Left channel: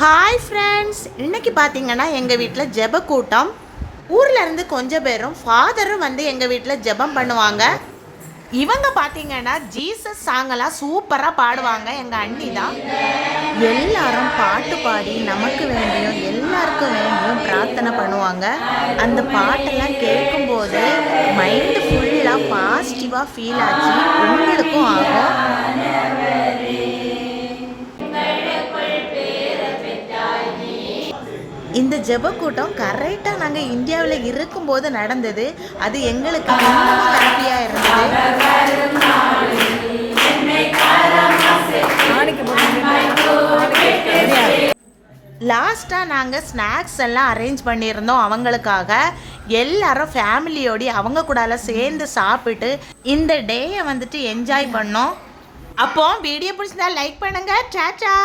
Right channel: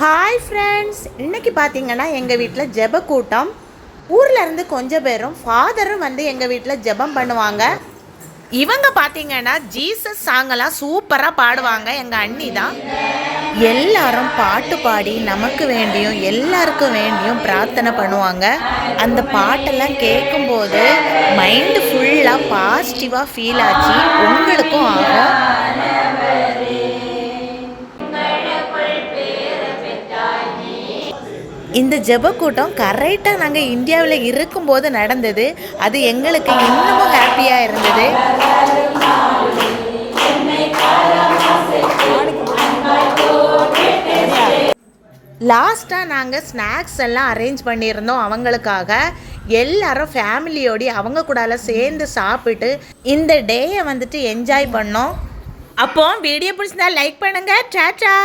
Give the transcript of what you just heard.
Hi friends, இன்றைக்கி பார்த்தீங்கன்னா எங்கள் வீட்டில் ஜெப கூட்டம். ஊரில் இருந்து கொஞ்சம் பேரும் ஃபாதரும் வந்து எங்கள் வீட்டில் ஜெபம் பண்ணுவாங்க. இவங்க பார்த்தீங்கன்னா ஜீசஸ் சாங்கெல்லாம் சூப்பராக பாடுவாங்க. எங்கள் அண்ணி தான். எல்லாரும் பாட்டு பாடி நமக்கு வேண்டியும் எல்லாருக்கும் வேண்டியும் பிரார்த்தனை பண்ணுவாங்க. அந்த பாட்டெல்லாம் கேட்கும்போது மைண்டு ஃபுல்லாக பாசிட்டிவாக ஃபீல் ஆச்சு. உங்களுக்கும் ஆகும். இந்த ஜெப கூட்டம் கரெக்டாக நாங்கள் இந்தியாவில் இருக்கும்போது நடந்தது. அது எங்களுக்கு இன்னமும் ஹாப்பியாக இருந்தது. லாஸ்ட்டாக நாங்கள் ஸ்நாக்ஸ் எல்லாம் அரேஞ்ச் பண்ணியிருந்தோம் அவங்களுக்காக. எல்லாரும் ஃபேமிலியோடு அவங்க கூட சேர்ந்து சாப்பிட்டு இந்த டேயை வந்துட்டு என்ஜாய் பண்ணோம். அப்போ வீடியோ பிடிச்சிருந்தா லைக் பண்ணுங்கள். டாடா.